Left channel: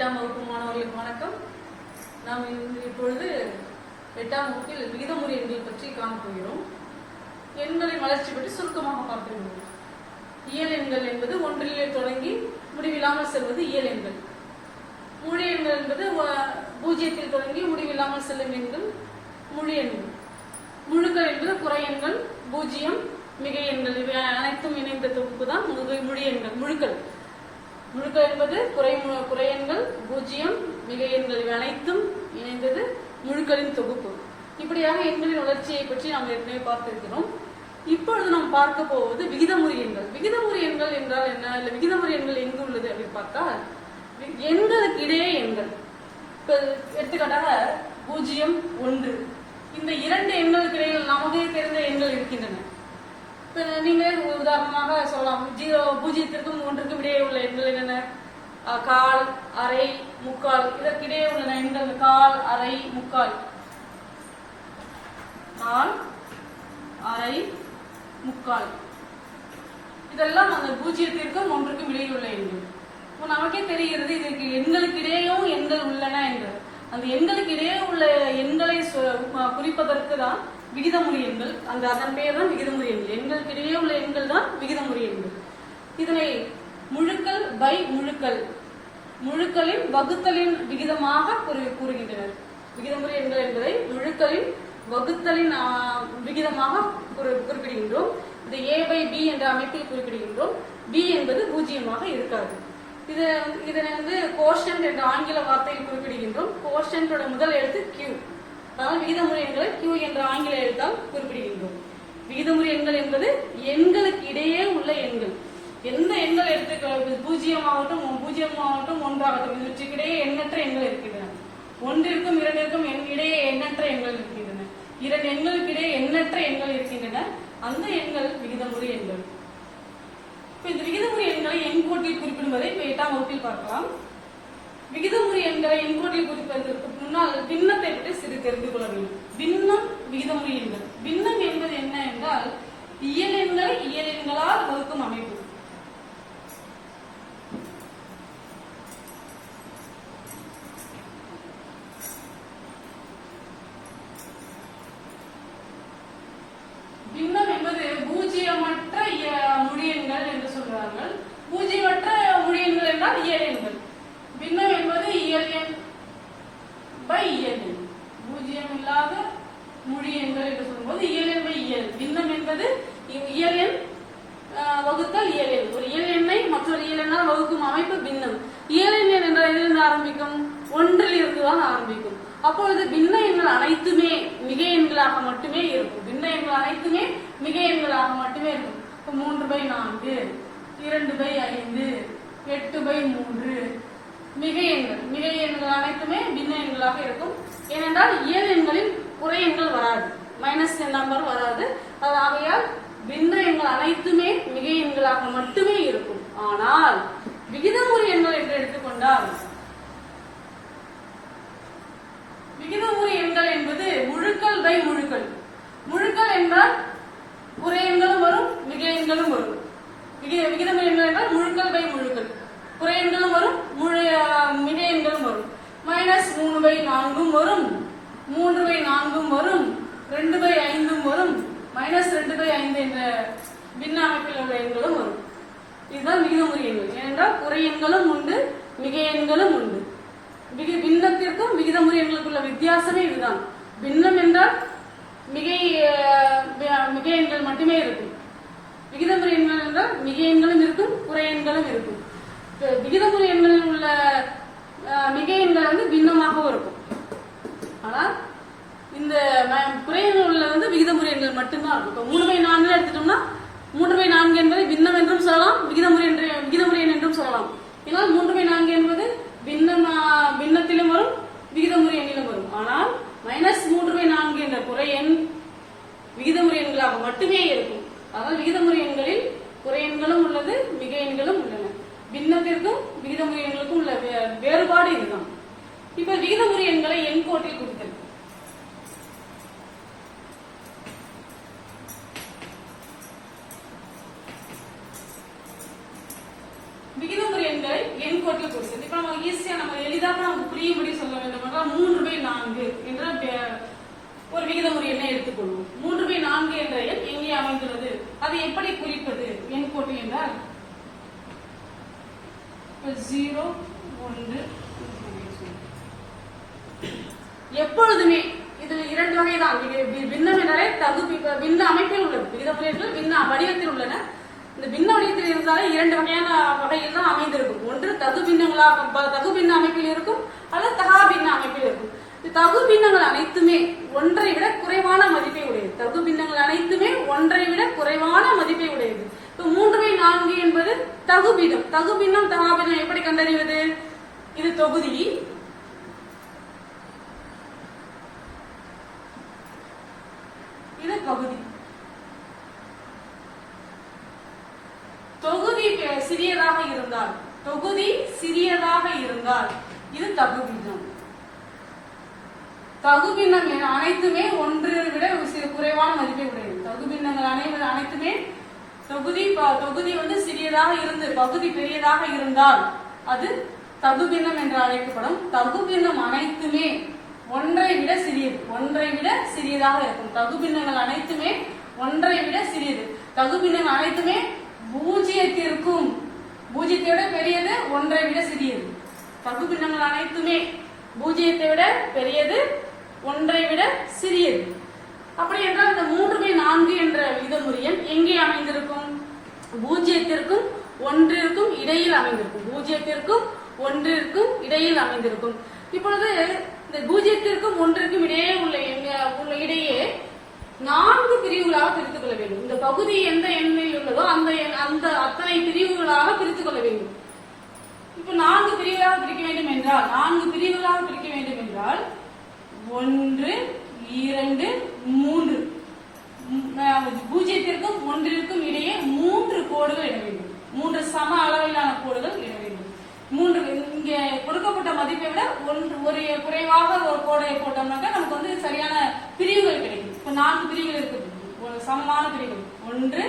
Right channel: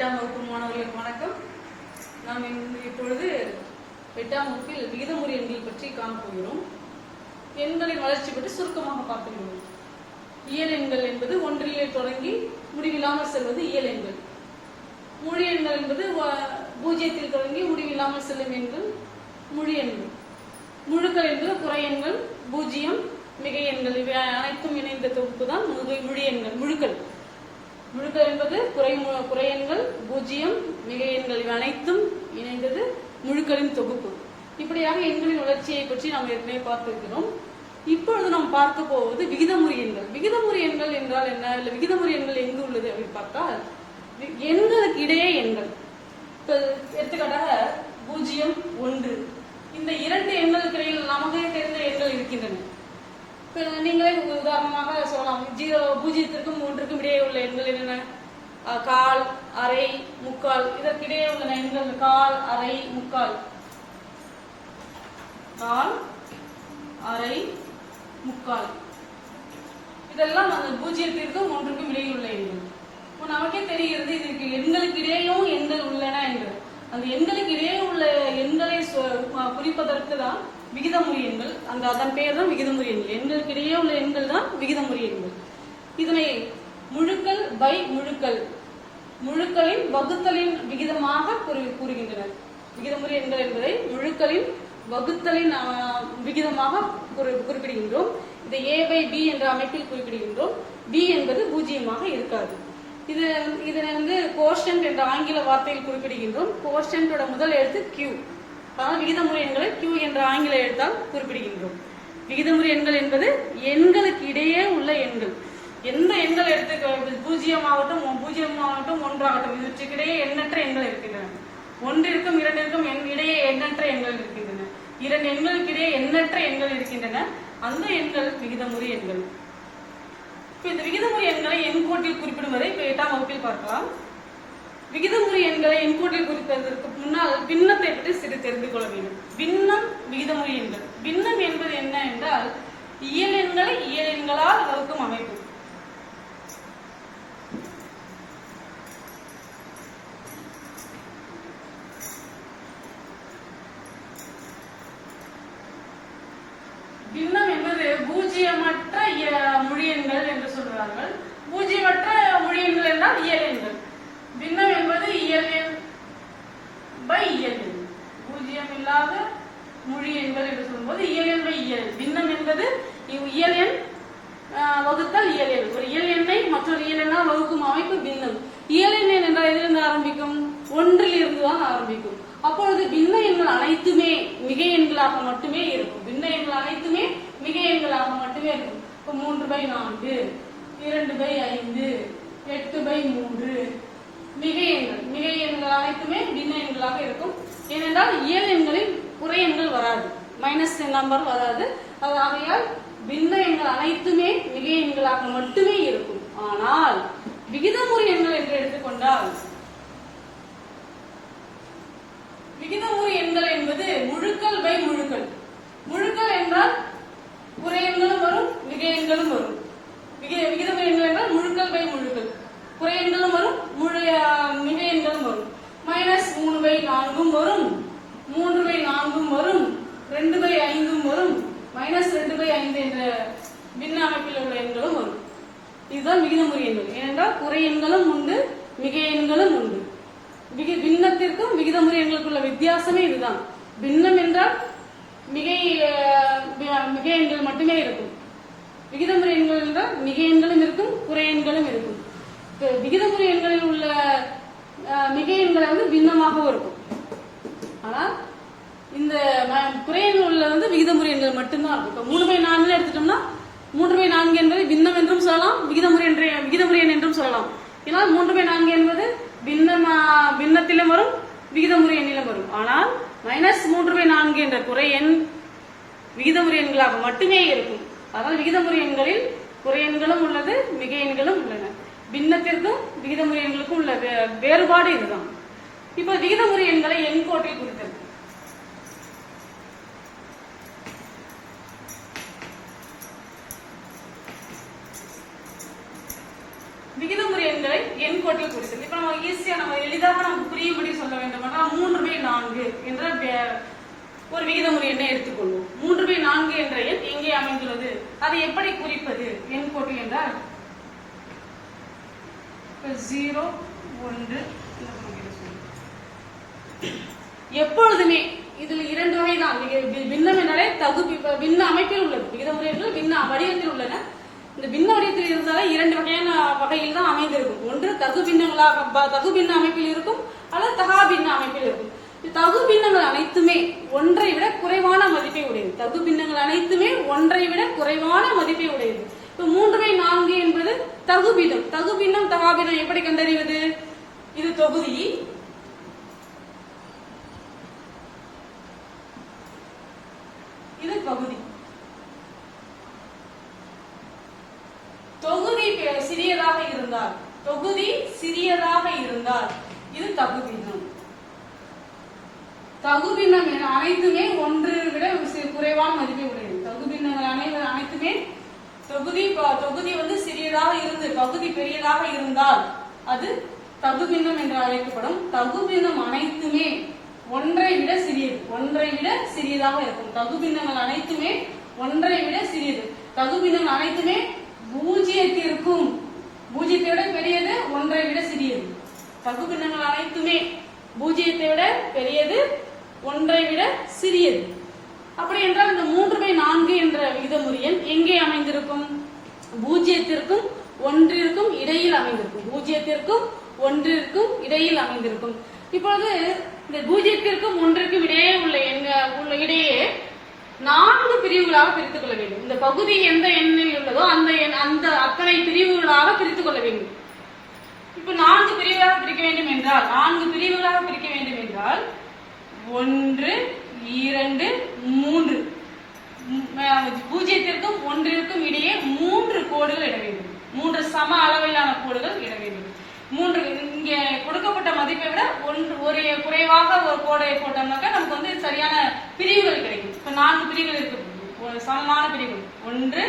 8ஆம் வகுப்பு மாணவர்களுக்கு வணக்கம். நாம் இப்பொழுது 8ஆம் வகுப்பில் விகிதமுறை எண்கள் பற்றி காணப்போகிறோம். எண்களின் வளர்ச்சி பற்றி சுருக்கமாக பார்த்துள்ளோம். இயல் எண்கள் என்பது ஒன்றிலே தொடங்கி முடிவில்லாமல் செல்வது இயல் எண்கள். முழு எண்கள் என்பது பூஜ்ஜியத்தில் தொடங்கி முடிவில்லாமல் செல்லும் எண்கள் முழு எண்கள். முழுக்கள் என்பது குறை எண்கள், பூஜ்ஜியம், மிகை எண்கள் இவை அனைத்தும் இணைந்த தொகுப்பு தான் முழு எண்கள். முழுக்கள் என்பது குறை எண்கள், பூஜ்ஜியம், மிகை எண்கள் இவை அனைத்தும் இணைந்தது முழுக்களின் தொகுப்பு. இப்படியாக எண்களின் வளர்ச்சியை பற்றி நாம் ஏற்கனவே பார்த்திருக்கிறோம். இப்பொழுது நாம் பார்க்க போவது விகிதமுறை எண்கள். விகிதமுறை எண்கள் என்றால் என்ன, இல்ல விகிதமுறை எண்கள் எங்கு உள்ளது அப்படின்னு பார்த்தால் எண்களுக்கு இடையே எண்கள். எடுத்துக்காட்டாக 0, 1 இந்த இரண்டு எண்களுக்கு இடையில் நமக்கே தெரிந்த எண்கள் இருக்கின்றன. நீங்களே உதாரணமாக சொல்லலாம், 0க்கும் 1க்கும் இடையே உள்ள எண்கள் என்னென்ன? கால், அரை, முக்கால். இதற்கிடையே உள்ள எண்கள் கால், அரை, முக்கால். கால், அரை, முக்கால். இதெல்லாம் அந்த 0க்கும் 1க்கும் இடையே உள்ள எண்கள். நமக்கே தெரிகிறது இதற்கு எண்களுக்கு இடையேயும் எண்கள் உள்ளன என்று. அந்த எண்களுக்கு இடையே உள்ள எண்களை குறிப்பதற்கு தான் விகிதமுறை எண்கள். அதன் பெயர் தான் விகிதமுறை எண்கள். எண்களுக்கு இடையே உள்ள எண்கள் தான் விகிதமுறை எண்கள். இதனை முழுக்கள் பை முழுக்கள், முழுக்களின் வகுத்தலின் விகிதமாக கூறுகின்றனர். விகிதமுறை எண்கள் என்பதை முழுக்களின் வகுத்தலின் விகிதமாக குறிப்பிடுகின்றோம். இதை a by b என்ற அமைப்பில் குறிப்பிடுகின்றோம். b என்பது பூஜ்ஜியமாக இருக்காது. இதனை கோஷன்ட் என்ற ஆங்கில வார்த்தையில் குறிப்பிடுகின்றோம். கோஷன்டோட முதல் எழுத்து Q. விகிதமுறை எண்களை Q என்ற ஆங்கில எழுத்தால் குறிப்பிடுகின்றோம். விகிதமுறை எண்கள் என்பது எண்களுக்கு இடையே உள்ள எண்கள். எந்த எண்கள் எடுத்து 0 ஆகட்டும் 1 ஆகட்டும் இவற்றுக்கிடையே எண்ணற்ற எண்கள் இருக்கின்றன. 1ற்கும் 2ற்கும் இடையே எண்ணற்ற எண்கள் இருக்கின்றன. 2 எண்களுக்கு இடையே எண்ணற்ற எண்கள் இருக்கின்றன. அந்த எண்கள் விகிதமுறை எண்கள். இந்த விகிதமுறை எண்களை எண்கோட்டில் குறிப்பிடுவதை 8ஆம் வகுப்பில் பார்க்கலாம். விகிதமுறை எண்களை எண்கோட்டில் குறிப்பதற்கு முன்னால் பின்னத்தை பற்றி சிறு தெரிந்து கொள்ள வேண்டும். பின்னம் விகிதமுறை எண்கள். பின்னம் என்பது என்ன என்றால் இயல் எண்களை இயல் எண்களால் வகுக்கும் அமைப்பு. பின்னம் என்பது பூஜ்ஜியமற்ற முழு எண்கள் என்று சொல்கிறார்கள். பூஜ்ஜியமற்ற முழு எண்கள் என்றால் இயல் எண்கள். பின்னம் என்பது இயல் எண் பை இயல் எண். பூஜ்ஜியம் இல்லாத முழு எண்கள் என்று சொல்லும்போது இயல் எண் பை இயல். பின்னம் என்பது இயல் எண் வகுத்தல் இயல் எண். ஒரு இயல் எண்ணை மற்றொரு இயல் எண்ணால் வகுக்கும் அமைப்பு பின்னம். இயல் எண் என்றால் எதிலிருந்து ஆரம்பிக்கும்? 1ல் இருந்துதான் ஆரம்பிக்கும். அப்பொழுது பின்ன எண்கள் அனைத்துமே மிகை எண்களாக மட்டுமே இருக்கும். பின்ன எண்கள் அனைத்துமே மிகை எண்களாக மட்டுமே இருக்கும். 3/4, 2/5, 8/3 மிகை எண்கள். மிகை எண்கள் அனைத்துமே பின்ன எண்களாக இருக்கும். ஏனென்றால் இயல் எண்களில் குறை எண்கள் வராது, மைனஸ் நம்பர் வராது. ஆகையால் பின்ன எண்கள் அனைத்துமே மிகை எண்களாக மட்டுமே இருக்கும். ஆனால் விகிதமுறை எண்கள் என்று எடுத்துக்கொண்டால் விகிதமுறை எண்கள் என்பது முழுக்கள் பை முழுக்கள். முழுக்கள் என்றால் குறை எண்களும் வரும், மிகை எண்களும் வரும். விகிதமுறை எண்கள் என்றால் முழுக்கள் பை முழுக்கள். குறை எண்களும் வரும், மிகை எண்களும் வரும். -3/4 வரும், 3/4 வரும், 2/5 வரும், -2/5 என்ற பின்ன அமைப்பில் உள்ள எண்களும் வரும். இதுதான் விகிதமுறை எண்கள். ஏனென்றால் குறை எண்களும் உண்டு, மிகை எண்களும் உண்டு. பின்னத்திற்கும் விகிதமுறை எண்களுக்குள்ள வித்தியாசமே இதுதான். பின்னம் என்றால் மிகை எண்கள் மட்டுமே இருக்கும். விகிதமுறை எண்கள் என்றால் மிகை எண்களும் இருக்கும், குறை எண்களும் இருக்கும். விகிதமுறை எண்களில் உள்ள மிகை எண்கள் பின்னமாகவும் இருக்கும். ஆனால் இந்த குறை எண்கள் விகிதமுறை எண்கள் மட்டும்தான் இருக்கும். 3/4 எடுத்துட்டோம்னா 3/4 என்பதை பின்னம் என்றும் சொல்லலாம், விகிதமுறை எண் என்றும் சொல்லலாம். ஏன்னால் 3/4 என்பது பின்னத்திலும் வரும், விகிதமுறை எண்ணிலும் வரும். ஆனால் -3/4 என்ற குறை எண் விகிதமுறை எண்களாக மட்டுமே இருக்கும். அதனால் விகிதமுறை எண்களில் குறை எண்களும் உள்ளது, மிகை எண்களும் உள்ளன. பின்னத்திற்கும் விகிதமுறை எண்களுக்கும் உள்ள வேறுபாடு இதுதான். இப்போ விகிதமுறை எண்களை எண்கோட்டில் குறித்தது. விகிதமுறை எண்களை எண்கோட்டில் குறித்தது. இப்ப நம்ம ஈஸியா நம்ம எளிதாக நமக்கு புரியும்படி சொல்ல வேண்டும் என்றால் 3/4 என்ற ஒரு விகிதமுறை எண்ணை எடுத்துக்கொள்வோம். 3/4 என்ற எண் எங்கே அமைந்துள்ளது, அதை எப்படி குறிப்பது எண் கோட்டு என்றால் 0 1 எப்பொழுதுமே இதுல 2 வகை தான். பின்னம் என்றாலே பின்ன அமைப்பில் உள்ளது, விகிதமுறைகள் பின்ன வடிவத்தில் உள்ளன. இந்த பின்ன வடிவத்தில் இருந்தாலே 2 வகையான வகையில் தான் அமைந்திருக்கும். ஒன்று தகு பின்ன அமைப்பில் இருக்கும், அல்லது தகா பின்ன அமைப்பில் இருக்கும். தகு பின்னங்கள் அனைத்துமே ஒன்றை விட குறைவான மதிப்பை உடையது. தகு பின்னங்கள் அனைத்துமே ஒன்றை விட குறைவான மதிப்பை உடையது. 3/4 என்பது தகு பின்னம். தகு பின்னம் தகா பின்னம் எப்படி கண்டறிவது? இது தொகுதி, இது பகுதி. தொகுதி சிறியதாக இருந்தால் இது தகு பின்னம். தகு பின்னம் அனைத்துமே ஒன்று விட குறைவான மதிப்பை உடையது. தகு பின்னங்கள் அனைத்துமே தொகுதி சிறியதாக இருந்து பகுதி பெரியதாக இருந்தால் அது தகு பின்னம் என்று அழைக்கப்படும். தகு பின்னம் அனைத்துமே ஒன்றை விட சிறியதாக இருக்கும். தகு பின்னங்கள் அனைத்துமே ஒன்றை விட சிறியது. தகு பின்னங்கள் அனைத்துமே பூஜ்ஜியத்தை விட பெரியது, ஒன்றை விட சிறியது. தகு பின்னங்கள் அனைத்துமே பூஜ்ஜியத்தை விட பெரியது, ஒன்றை விட சிறியது. அப்படி என்றால் இந்த 3/4 என்ற விகிதமுறை எண் எங்கே அமைந்திருக்கும்? பூஜ்ஜியத்திற்கும் ஒன்றிற்கும் இடையில் அமைந்திருக்கும். பூஜ்ஜியத்திற்கும் ஒன்றிற்கும் இடையில் அமைந்திருக்கும். இப்பொழுது இந்த பூஜ்ஜியத்திற்கும் ஒன்றிற்கும் இடையே உள்ள இடையே 4 பிரிவுகளாக பிரித்துக் கொள்ள வேண்டும். இந்த பகுதி எந்த எண்ணில் உள்ளதோ அந்த அத்தனை பிரிவுகளாக பிரித்துக் கொள்ள வேண்டும். இப்ப 4 பிரிவுகளாக பிரிக்க வேண்டும் என்றால் 1 2 3 பூஜ்ஜியத்திற்கும் ஒன்றிற்கும் இடையே 3 கோடுகள் இட வேண்டும். 3 சம அளவிலான கோடுகள் இட வேண்டும். 3 இங்கே கொடுக்கப்பட்ட மதிப்பை விட ஒரு குறைவாக ஒரு கோடை போட்டோம்னாக்க நமக்கு சரியான பிரிவுகள் கிடைக்கும். இப்ப 4 பிரிவுகள் இருக்கு, சமமான பிரிவுகள் 1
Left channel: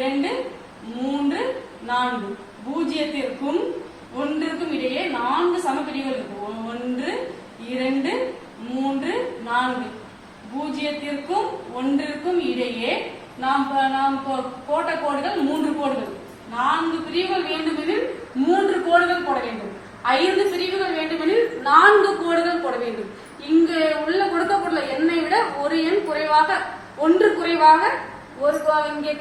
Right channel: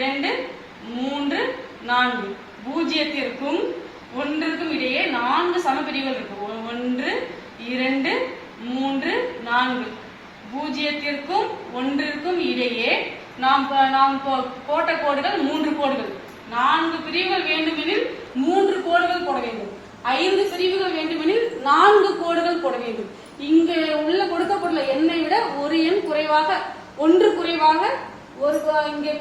2 3 4. பூஜ்ஜியத்திற்கும் ஒன்றிற்கும் இடையே 4 சம பிரிவுகள் இருக்கு. 1 2 3 4. பூஜ்ஜியத்திற்கும் ஒன்றிற்கும் இடையே நாம் போட்ட கோடுகள் 3 கோடுகள். 4 பிரிவுகள் வேண்டுமெனில் 3 கோடுகள் போட வேண்டும். 5 பிரிவுகள் வேண்டுமெனில் 4 கோடுகள் போட வேண்டும். இங்கு உள்ள கொடுக்கப்பட்டுள்ள எண்ணை விட ஒரு எண் குறைவாக, ஒன்று குறைவாக இங்கே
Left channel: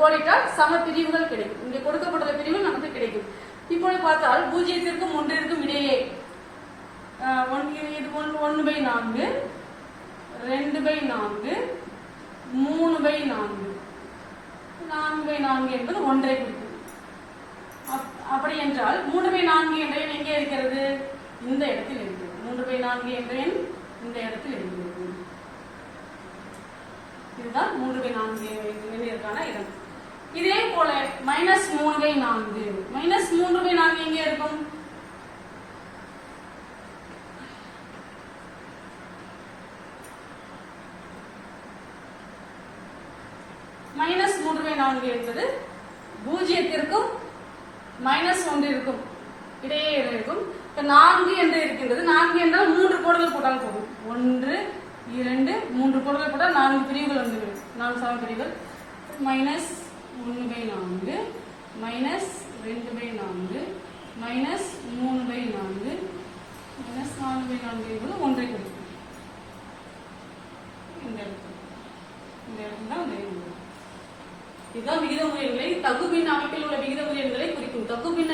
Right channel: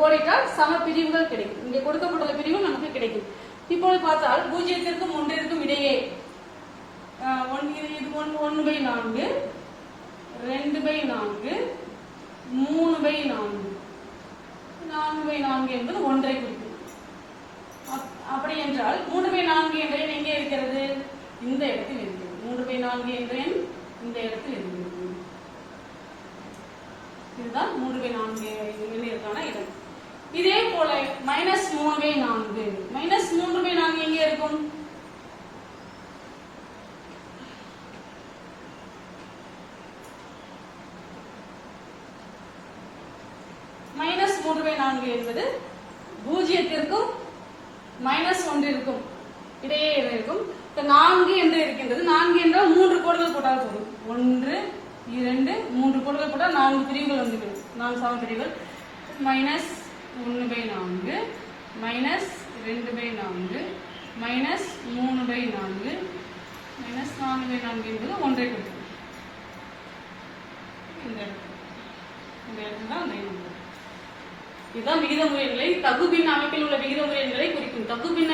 கோடிட்டால் சம பிரிவுகள் கிடைக்கும். இங்கே கொடுக்கப்பட்டுள்ள பிரிவுகள் நமக்கு கிடைக்கும். இப்பொழுது பார்த்தால் பூஜ்ஜியத்திற்கும் ஒன்றிற்கும் இடையே 1/4 2/4 3/4 4/4 என்பது ஒன்றை குறிக்கும். அப்படி என்றால் 3/4 என்ற எண் எங்கே இருக்கிறது? இந்த இடத்தில் இருக்கிறது. 3/4 என்ற எண் இந்த இடத்தில் இருக்கிறது. இதுதான் 3/4 எண்ணிற்கான இடம். இதே போல -3/4 -3/4 எங்கே இருக்கும்? -3/4 என்பது பூஜ்ஜியத்திற்கும் -1 இருக்கும் இடையே இருக்கும். இப்ப 4 என்று இருக்கின்றது. 4 என்றால் 3 கோடுகள் போட்டால் போதும். 1 2 3 கோடுகள் போட்டால் 4 பிரிவுகள் வந்துவிடும். 4 சம பிரிவுகள். -1/4 -2/4 -3/4 -4/4 என்பது ஒன்றை கொடுக்கும். இந்த இடத்துல தான் இதுதான் விகிதமுறை எண்களை தகுபின்ன அமைப்பில் உள்ள விகிதமுறை எண்களை குறிக்கும். தகுபின்ன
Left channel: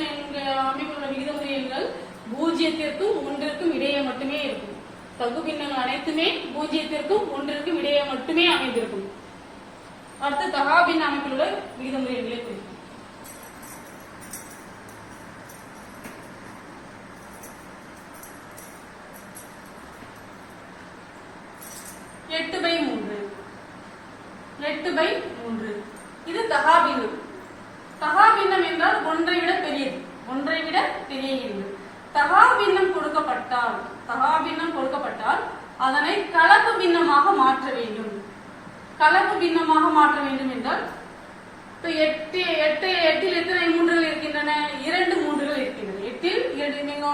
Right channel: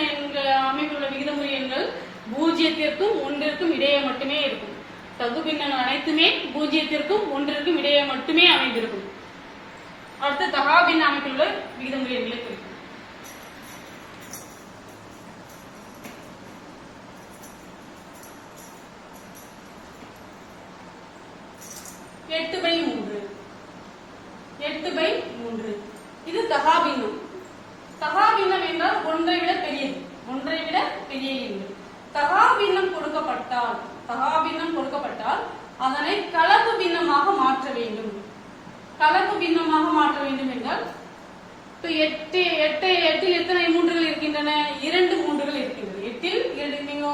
அமைப்பில் உள்ள விகிதமுறை எண்கள் பூஜ்ஜியத்திற்கும் ஒன்றிற்கும் இடையே மட்டுமே இருக்கும். தகுபின்னங்கள் அனைத்துமே பூஜ்ஜியத்திற்கும் ஒன்றிற்கும் இடையே மட்டுமே அமைந்திருக்கும். அடுத்து தகாபின்ன அமைப்பில் உள்ள விகிதமுறை எண்களை குறிக்கும். எட்டு பை மூன்று இது தகாபின்னம். தகாபின்னம் என்றால் ஒன்றை விட பெரியது, ஒன்றை விட பெரிய எண். தகாபின்னம் கொடுக்கப்பட்டால் அதனை கலப்பு பின்னமாக மாற்ற வேண்டும். கலப்பு பின்னமாக மாற்ற வேண்டும் என்றால் எட்டில் எத்தனை மூன்றுகள் இருக்கின்றன? 2 மூன்றுகள் இருக்கின்றன. 8இல் நீங்க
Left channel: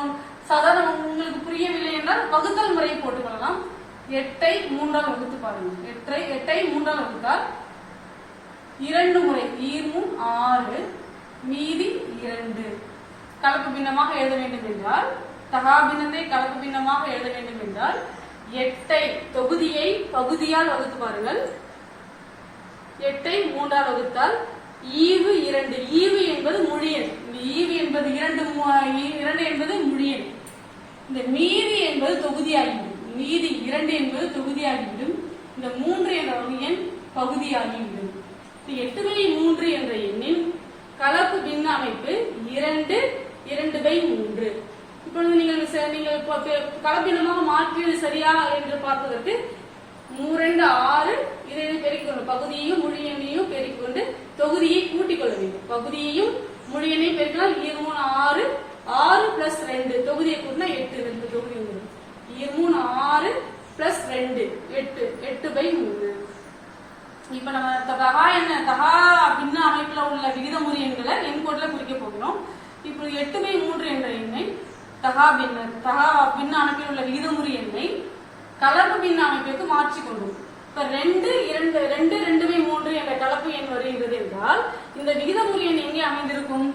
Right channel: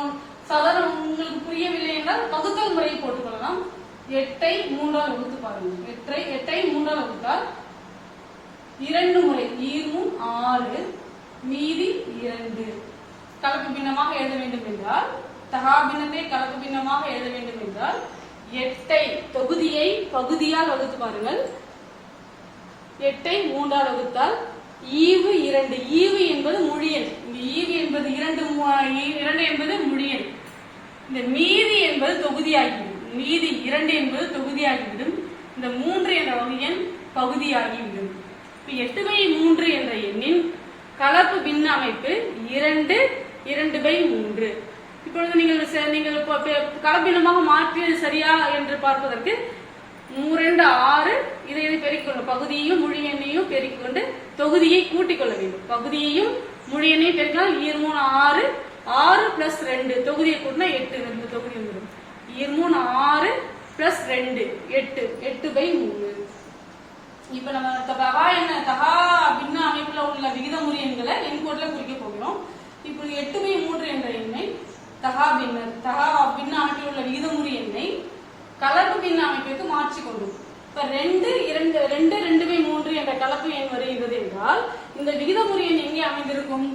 சாதாரண உங்களுக்கு புரியவில்லை என்றால் வகுத்தல் முறையை போட்டுக்கொள்ளலாம். 8ஐ 3ஆல் வகுத்து பாருங்க. 8ஐ 3ஆல் வகுத்தால் 2 முறை 6 மீதி 2. கலப்பு பின்னமாக எழுத வேண்டும் என்றால் தகா பின்னத்தை கலப்பு பின்னமாக எழுத வேண்டும் என்றால் 8ஐ தொகுதியை பகுதியால் வகுத்து பாருங்கள். 8ஐ 3ஆல் வகுத்தால் ஈவு 2. ஈவு என்பது முழியன். ஈவு என்பது 2 என்பது முழியன். இந்த மீதி என்பது தொகுதியாகிவிடும். மீதி 2 என்பது தொகுதியாகிவிடும். இந்த 3 என்ற வகையன் பகுதியாகிவிடும். 8/3 என்ற எண்ணின் கலப்பு பின்ன அமைப்பு 2/3. இப்பொழுது நீங்கள் கலப்பினமாக மாற்றியது சரியா என்று பார்ப்பதற்கு 3 6 இதை பெருக்கிக் கொள்ளும். பகுதியையும் முழு எண்ணையும் பெருக்கிக் கொண்டு தொகுதியை கூட்டிக் கொள்ள வேண்டும். பகுதியையும் முழு எண்ணையும் பெருக்கினால் 6 6 பிளஸ் 2 தொகுதியை கூட்டினா 8. 2 தொகுதி வரும். 6 பிளஸ் 2 8. 8/3. இப்ப நம்ம தகா பின்ன அமைப்புல உள்ள விகிதமுறை எண்களை எண்கோட்ல குறிக்க போகிறோம். இப்ப 8/3 என்ற எண்ணை தகா பின்ன அமைப்பில் உள்ள விகிதமுறை எண்ணை கலப்பு பின்ன அமைப்பிற்கு மாற்றிக்கொண்டோம். இப்ப 2/3 என்ற கலப்பு எண் வருகிறது என்றால் இந்த விகிதமுறை எண் எங்கே அமைந்திருக்கும்?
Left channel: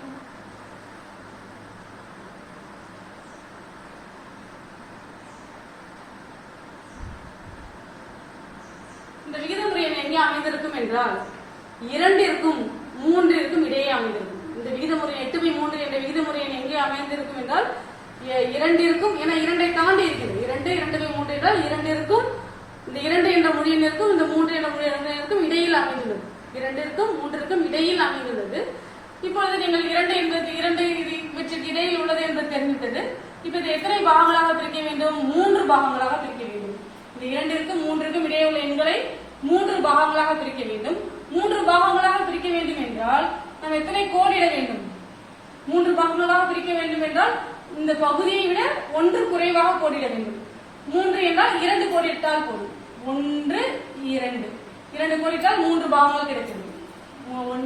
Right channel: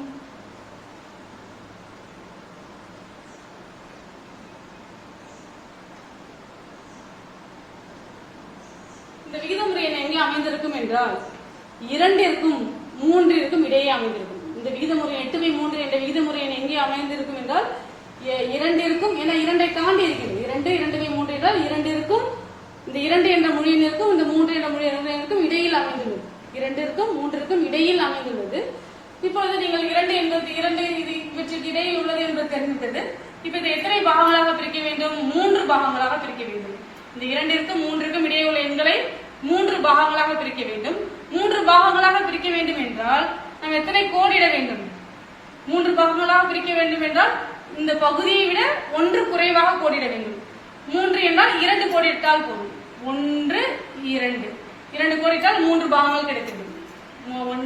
இந்த விகிதமுறை எண் எங்கே அமைந்திருக்கும் என்றால் 2ற்கும் 3ற்கும் இடையே அமைந்திருக்கும். இந்த விகிதமுறை 8/3 என்ற விகிதமுறை எண் எங்கே அமைந்திருக்கும் என்றால் 2ற்கும், ஏன்னா 2ஐ தாண்டி இருக்கிறது. 2/3 என்றால் 2ற்கும் இந்த 2 என்ற மொழியினருக்கும் இந்த 3 என்ற மொழியினருக்கும் இடையில் அமைந்துள்ளது. 2ற்கும் 3ற்கும் இடையில் அமைந்துள்ளது. இப்பொழுது நீங்கள் 2 என்பது 2 இவற்றுக்கு இடையில் உள்ளது என்பது தெரிந்துவிட்டது. இப்ப இதை எத்தனை பாகங்களாக பிரிக்க வேண்டும்? 3 பாகங்களாக பிரிக்க வேண்டும். இந்த 2ற்கும் 3ற்கும் இடையே உள்ள எண்களை 3 பாகங்களாக பிரிக்க வேண்டும். 3 பாகங்களாக பிரிக்க வேண்டும் என்றால் நாம் எத்தனை கோடிட வேண்டும்? 3 பாகங்களாக பிரிக்க வேண்டும் என்றால் இந்த பகுதியை விட 1 குறைவாக கோடிட வேண்டும். 3 என்றால் 2 கோடிட்டால் போதும். 1 2 2 கோடிட்டால் 3 பாகங்கள் கிடைக்கிறது.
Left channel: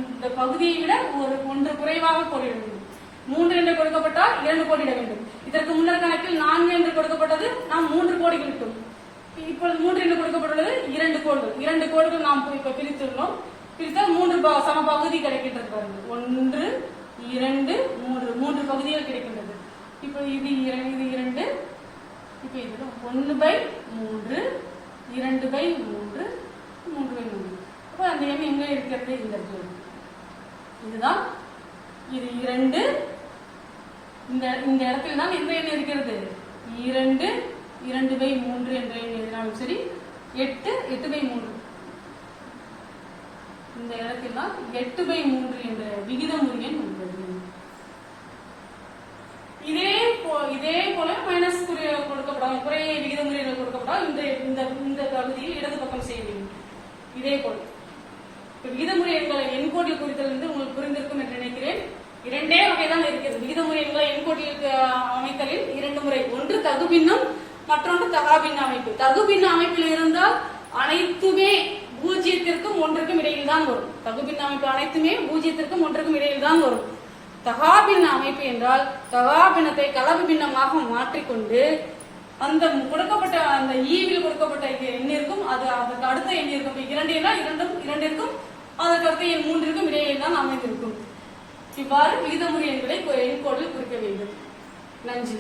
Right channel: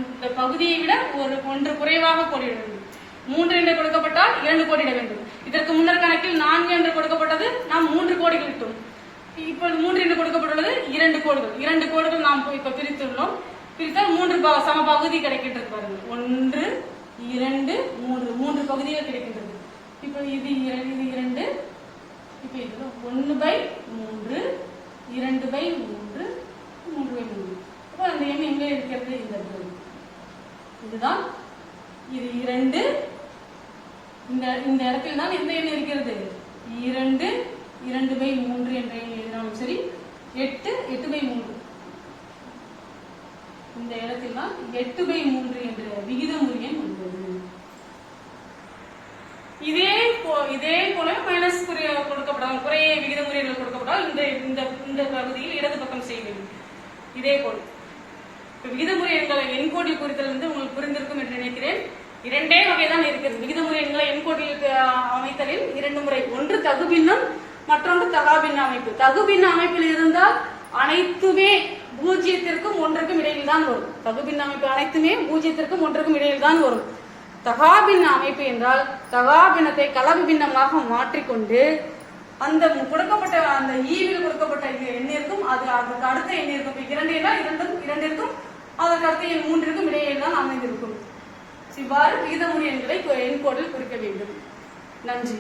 இந்த பகுதியை விட 1 குறைவாக கோடிட வேண்டும். 3 என்று கொடுக்கப்பட்டால் 2 கோடிட வேண்டும். இதற்கு முன்னர் கணக்கில் 4 என்று கொடுக்கப்பட்டது, நாம் 3 கோடிகள் விட்டோம். இப்போ 3 என்று கொடுக்கப்பட்டுள்ளது 2 கோடுகள். 2 கோடுகள் நாம் இப்ப பிரித்துள்ளோம். பிரித்தால் 3 சம பகுதி கிடைக்கின்றது பாருங்க. 1 2 3 3 பகுதிகள் கிடைக்கின்றது. இப்போ இது 2. இப்போ இது 1/3 2/3 3/3. அப்போ அந்த எண் எங்க இருக்கிறது? இந்த இதுதான். இது 2. இந்த இடத்துல தான் எந்த எண் இருக்கிறது? 2 2/3 என்ற எண் எழுதினாலும் சரி. 8 8/3. இந்த இடத்தில் தான் 8/3 என்ற விகிதமுறை எண் உள்ளது. இதே போல மைனஸ் கொடுக்கப்படாமல் குறைய விகிதமுறைகள் கொடுக்கப்பட்டால் இந்த பகுதியில் இடது பக்கம் செய்ய வேண்டும். இதே போல் விகிதமுறை எண்களை எண்கோட்டில் குறித்தல் உங்களுக்கு புரிந்திருக்கும் என்று நினைக்கிறேன். 2 வகைதான் இருக்கிறது. விகிதமுறை எண்களை எண்கோட்டில் அமைத்தலில் 2 முறை. ஒன்று தகுபின்னம், மற்றொன்று தகாபின்ன அமைப்பு. தகுபின்ன அமைப்பில் இருந்தால் அனைத்துமே 0ற்கும் 1ற்கும் இடையில் தான் வரும். தகுபின்ன அமைப்பு அனைத்துமே 0ற்கும் 1ற்கும் இடையில் தான் வரும். தகாபின்ன அமைப்பு என்றால் தகாபின்னத்தை கலப்பு பின்னமாக மாற்றிக்கொண்டு அந்த கொடுக்கப்பட்ட அந்த ஈவில் கொடுக்கப்பட்ட எண்ணிற்கும் அதற்கு அடுத்த எண்ணிற்கும் 2 என்றால் 2ற்கும் அதற்கு அடுத்த எண் 3ற்கும் இடையில் தான் அமைந்திருக்கும். இவ்வாறு விகிதமுறை எண்களை எண்கோடில் குறிக்க வேண்டும். நன்றி.